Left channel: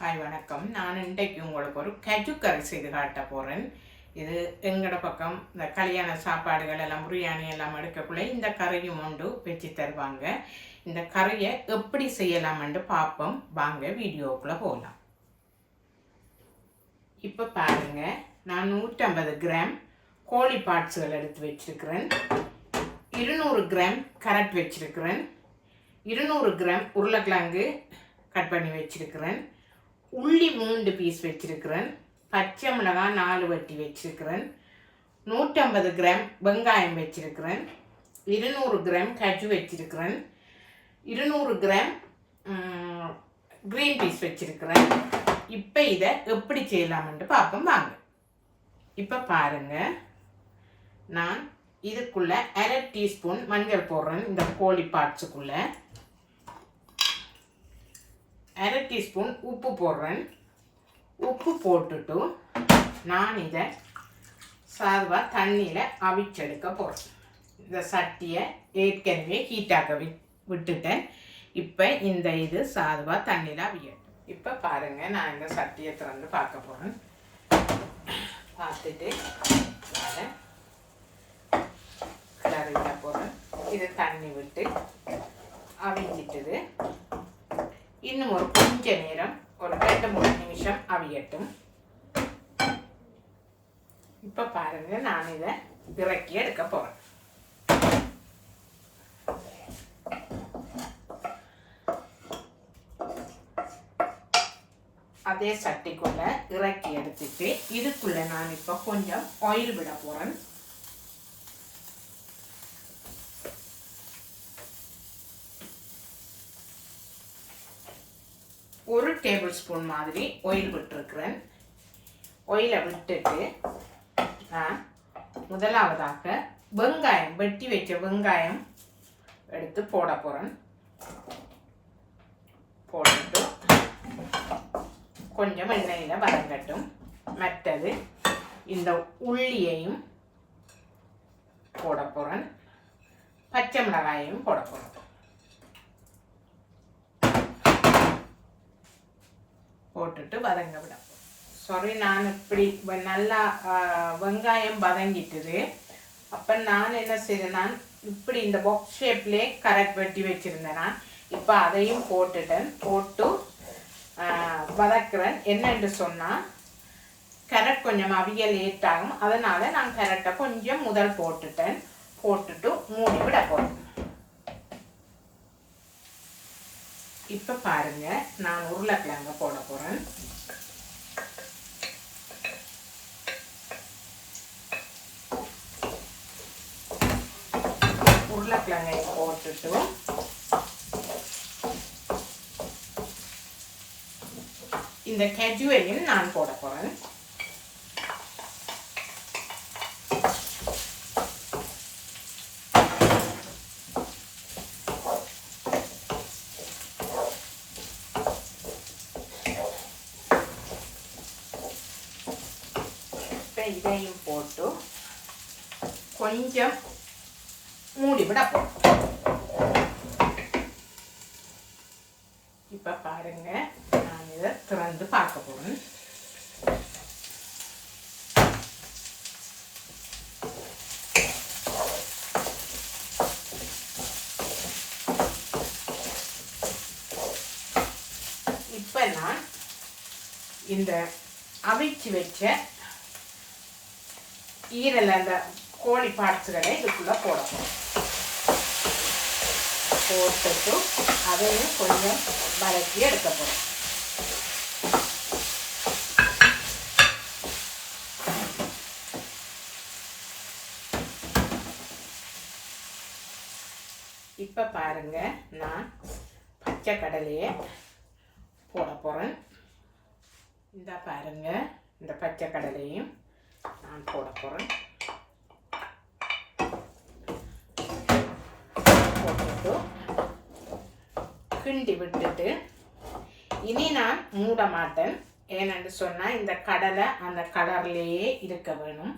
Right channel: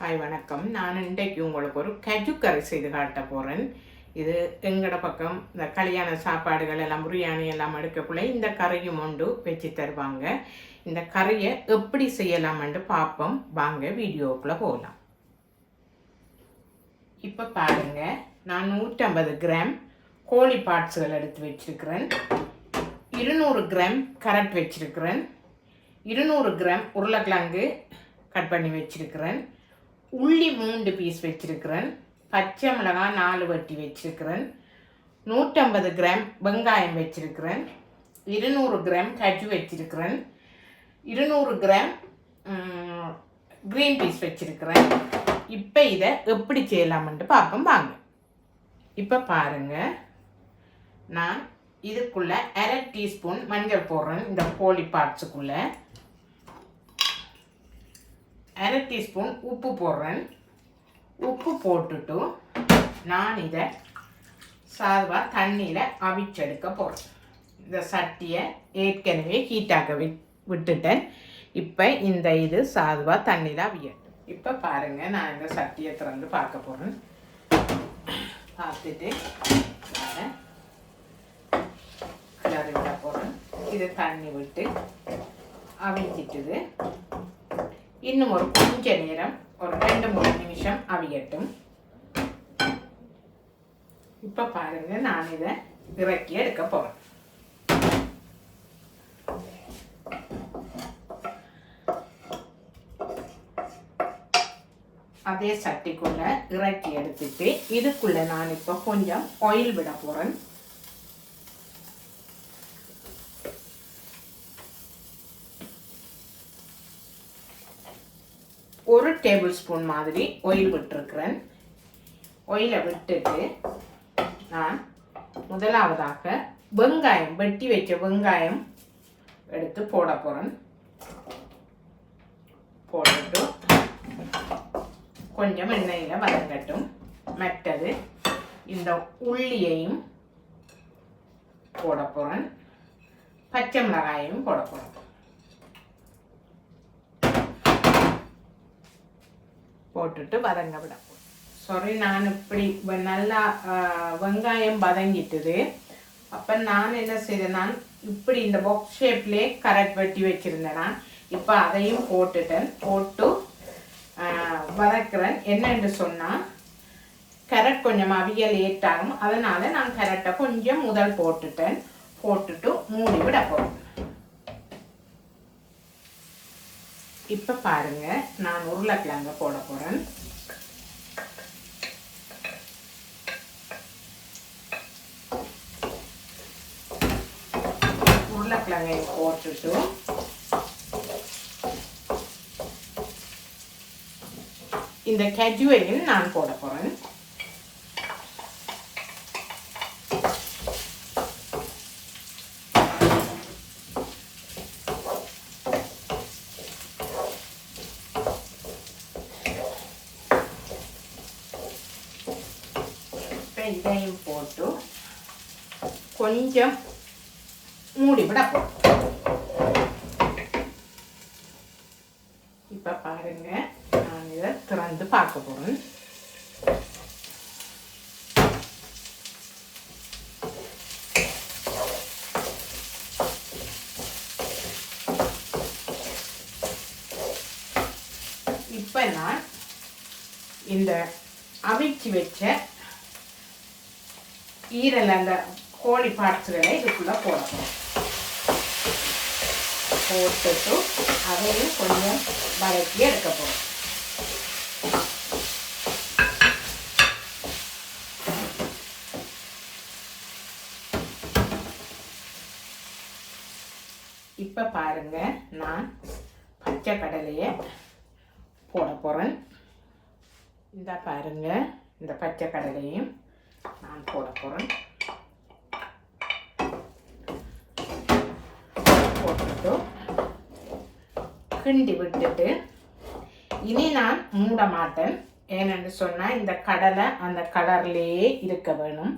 Hi வணக்கம். நான் இன்றைக்கு உங்களுக்கு ஒரு கஜு கறி செய்து காட்ட போகிறேன் இது எங்களோட பக்கம் இந்த கல்யாண சாப்பாடுகள் எல்லாம் பிரியாணி எல்லாம் எடுக்கக்குள்ளே இந்த கறியும் உண்டு வச்சு தருவாங்க. இந்த கறியை எப்படி செய்யலாம்னு பார்ப்போம் வாங்க வீடியோக்குள்ளே போகலாம் இப்போ பாருங்கள் நான் நூற்றம்பது கிராம் கோழி பார்ட்ஸுகள் எடுத்து வச்சிருக்கிறேன். இருநூறு கிராம் கரட் வச்சிருக்கிறேன். இருநூறு கிராம் உருளைக்கிழங்கு கட் பண்ணி வச்சுருக்கிறேன். உள்ளி மூன்று பீஸ் வச்சுருக்கிறேன். பச்சை மிளகாய் நாலு வட்டி வச்சுருக்கிறேன். நூற்றம்பது கிராம் வெங்காயம் வச்சுருக்கிறேன். இருநூறு கிராம் கஜு வச்சுருக்கிறேன். இருநூறு கிராம் க்ரீன் பீஸ் வச்சுருக்கிறேன். இப்போ இதை எப்படி செய்யலாம்ன்ட்டு பார்ப்போம். வாங்க. இப்போ பாருங்கள் நான் இதுக்குள்ளே அரை டீஸ்பூன் மஞ்சள் போடுறேன். இந்த கோழி பார்ட்ஸுக்குள்ளே அரை டீஸ்பூன் உப்பு போடுறேன். உப்பு போட்டுட்டு நான் இதை சாதுவாக தண்ணியில் அவிச்செடுக்க போகிறேன் இந்த சட்டியை ஏற்கனவே ஹீட்டாக வி விட்டுட்டேன். இப்போ இந்த இது சாதுவாக தண்ணியில் அவிய. இப்போ பாருங்கள் நான் இந்த சட்டியை திறந்து பார்க்க போகிறேன் பார்த்துட்டு நான் கிளறிட்ட போகிறேன் இது தண்ணி விட்டு அவிஞ்சிட்டுது. இன்னும் ஒரு கொஞ்ச நேரம் ஒரு ரெண்டு மூணு நிமிஷம் அவியட்டும் இப்போ பாருங்க நான் இதை இறக்கி எடுக்க போகிறேன் அதே சட்டிக்குள்ள இறக்கி எடுத்துட்டு இதுக்குள்ள நான் இப்போ கொஞ்சம் ஆயில் விட போகிறேன் ஒரு டேபிள் ஸ்பூன் மாதிரி ஒயில் விட்டுருக்கிறேன். ஒயிலை விட்டுட்டு நான் முதலாவதாக வெங்காயம் வெட்டி வைக்க வெங்காயம் எடுத்து போட போகிறேன் போட்டுட்டு கொஞ்சம் எண்ணெயில் வதங்கட்டும். மற்றது இந்த உள்ளியையும் போட போகிறேன் பச்சை மிளகாயையும் போட போகிறேன் போட்டுட்டு வதங்க விட சாரி நான் இப்படி வ- நல்லா வெங்காயம் வதங்கிட்டுது. அப்போ நான் என்ன செய்தேன் நான் இப்படி இந்த பாக்ஸ் ஷேப்லேயே கரெக்ட் வெட்டி வச்சுருந்தேன் நான். இப்போ அதையும் போட்டுட்டேன். போட்டு வதக்குறேன். என்னென்று சொன்னால் கரெக்ட் கொஞ்சம் அவிய லேட் ஆகும். அதனால் நான் கரெக்டாக கொஞ்சம் முதல் போட்டுட்டேன். போட்டுட்டு மூடி விட போகிறேன் இப்போ பாருங்க நான் உருளைக்கிழங்க போட போகிறேன் உருளைக்கிழங்கை போட்டுட்டு இந்த கஜுவையும் நான் போட போகிறேன் இதையும் போட்டு கொஞ்சம் மூடி விட போகிறோம் இப்போ பாருங்க நான் இதை திறந்து பார்க்க போகிறேன் இப்போ நான் இந்த அவிச்சு வச்ச ஈரல் அந்த கோழி பார்ட்ஸுகளை இதுக்குள்ளே போட போகிறோம் போட்டுட்டு அதையும் கொஞ்சம் வதக்கி எடுக்க போகிறோம் இப்போ பாருங்க நான் பச்சை கடலையை போட போகிறேன் இந்த பாருங்க இந்த பச்சை கடலையும் நான் போட போகிறேன் போட்டுட்டு கிண்டி விட்டுட்டு இனி நான் மூட மாட்டேன். ஏனென்று சொன்னால் இந்த கடலை அந்த கலர்லேயே இருக்க வேணும்.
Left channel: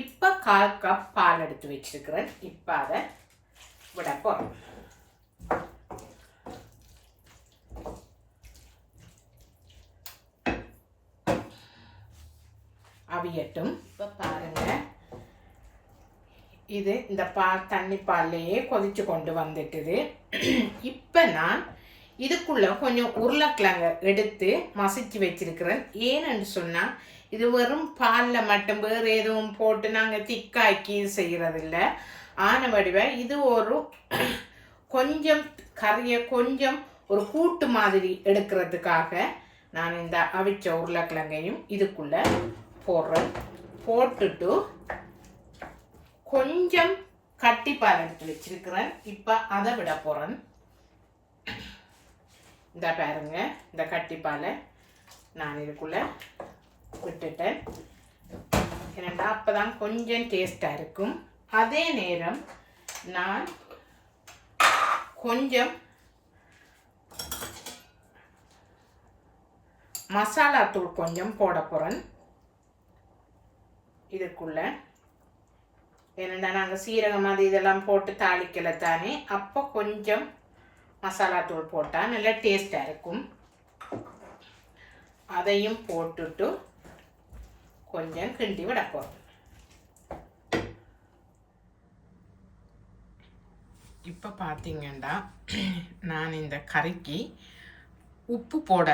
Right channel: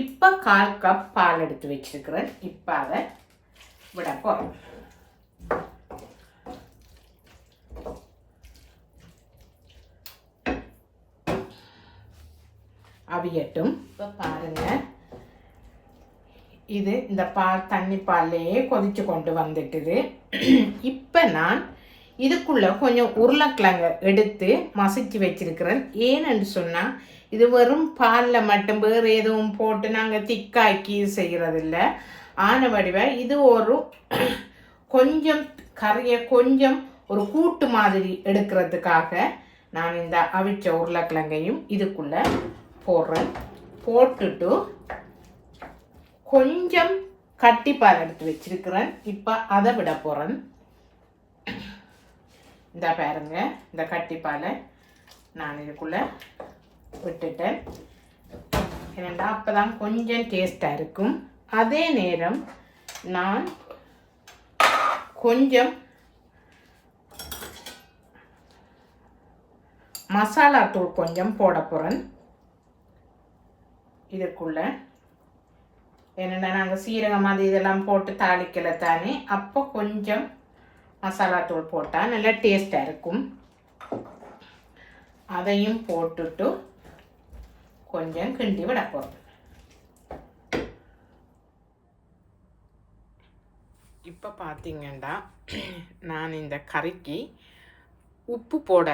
இப்போ கால் கப் பால் எடுத்து வச்சிருக்கிறேன். இப்போ அதை விட போகிறேன் அவியட்டும் இப்போ பாருங்க. இது இந்த பால் தண்ணி பால்லையே கொதிச்சு கொண்டு வந்துட்டுது. இப்போ நான் இதுக்குள்ள கொஞ்சம் உருளைக்கிழங்கு எடுத்து மசிச்சு வச்சிருக்கிறேன். ஏன்னு சொன்னால் இது வெறும் பாலில் மட்டும் வேறு எதுவும் போட்டு நாங்கள் திக்காக்கி செய்கிறதில்ல ஆன வடிவ இது ஒரு கொஞ்சம் கறியை கொஞ்சம் ஒரு கூட்டு மாதிரி எடுக்கிறதுக்காக நான் இந்த அவிச்ச உருளைக்கிழங்கையும் இதுக்குள்ளே போடுறேன் போட்டுட்டு கொஞ்சம் கட்டிப்பால் எடுத்து வச்சிருக்கிறேன். இப்போ அதை விட போகிறேன் இந்த பாருங்க இந்த கட்டிப்பாலை நான் இதுக்குள்ளே விட்டுட்டேன். ஏன்னா அப்போ தான் கொஞ்சம் டேஸ்ட்டாக இருக்கும். அதே நேரம் நான் கொஞ்சம் மசாலா தூள் கொஞ்சம் போட போகிறேன் இதுக்குள்ளே ஏன்னா நாங்கள் சீரகம் அது இதெல்லாம் போட்டு தாளிக்கலை தானே அப்போ கொஞ்சம் மசாலா தூள் போட்டால் நல்லா டேஸ்ட்டாக இருக்கும். அதையும் போட்டுட்டு கொஞ்சம் கிண்டி விட போகிறோம் இப்போ பார்த்தீங்கன்னா நான் இந்த கறிக்கு உப்பு போட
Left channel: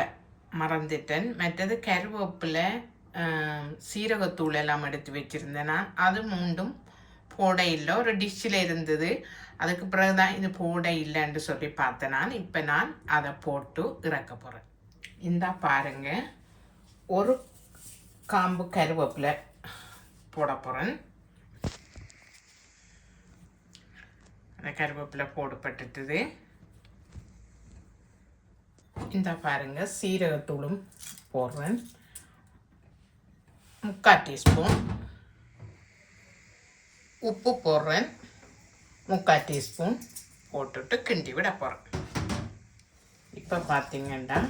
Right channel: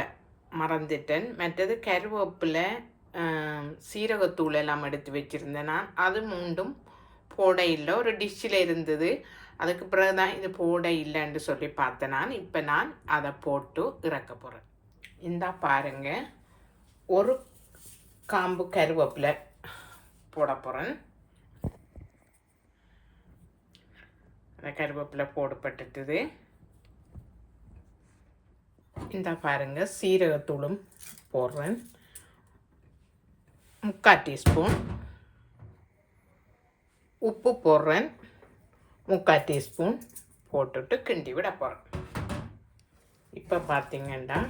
மறந்துட்டேன். மற்றது கருவேப்பிலை சீரகத்தூள் எல்லாம் எடுத்து வச்சுருந்தேன் நான். அது மூண்டும் போட இல்லை. ஒரு டிஷ்ஷில் இருந்தது. அதுக்கு பிறகு தான் இது போட இல்லைன்னு சொல்லி பார்த்தேன் நான். இப்போ நான் அதை போட்டு இறக்க போகிறேன் இந்தா பாருங்க. ஒரு காம்பு கருவேப்பிலை போட போகிறேன் அந்த கருவேப்பிலை போடப்பட்டுட்டுது இந்த பாருங்க. சீரகத்தூளும் போடுறேன். முக்கால் டீஸ்பூன். உப்பு போடுறேன். முக்கால் டீஸ்பூன் போட்டுட்டு கிண்டி விட போகிறேன் இப்போ பார்த்தீங்கன்னா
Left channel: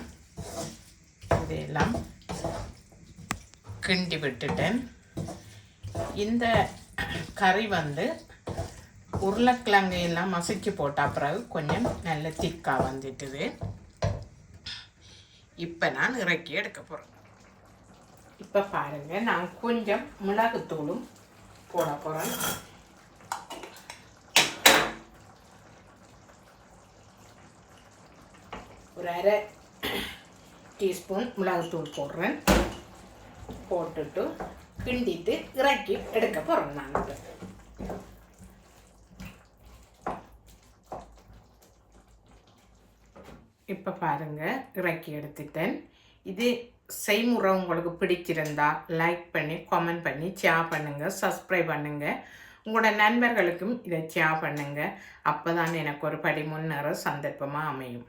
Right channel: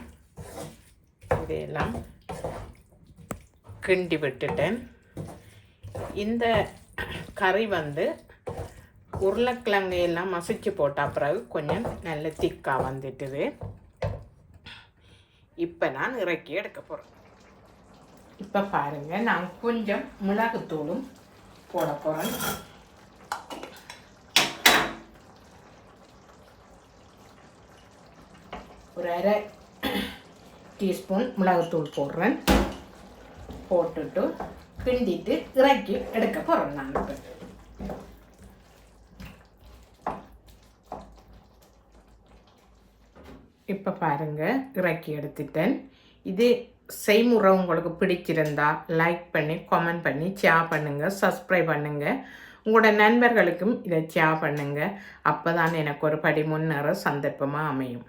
இதையெல்லாம் கிண்டி விட்டுட்டேன். இந்த கறி வந்து உருளைக்கிழங்கு எல்லாம் மசிச்சு போட்ட பிறகு கொஞ்சம் நல்ல திக்காக வந்துட்டுது. இப்போ நான் இறக்கி எடுக்க போகிறேன் இப்போ பாருங்க நான் கொஞ்சம் மிளகுத்தூளும் போட போகிறேன் ஒரு அரை டீஸ்பூன் மிளகுத்தூள் போடுறேன். போட்டுட்டு கிண்டிட்டு இறக்கி எடுக்க போகிறேன் நான் இப்போ. இப்போ பாருங்கள் இறக்கி எடுத்துட்டேன். இது செய்முறை உங்களுக்கு பிடிச்சிருந்தா லைக் பண்ணி கமெண்ட் பண்ணி ஷேர் பண்ணுங்கள் சப்ஸ்கிரைப் பண்ணுங்கள் உங்களோட நண்பர்களுக்கும் இதை ஷேர் பண்ணுங்கள் அப்போ தான் எனக்கு ஒரு படி முன்னேற சந்தர்ப்பமாக அமையும்.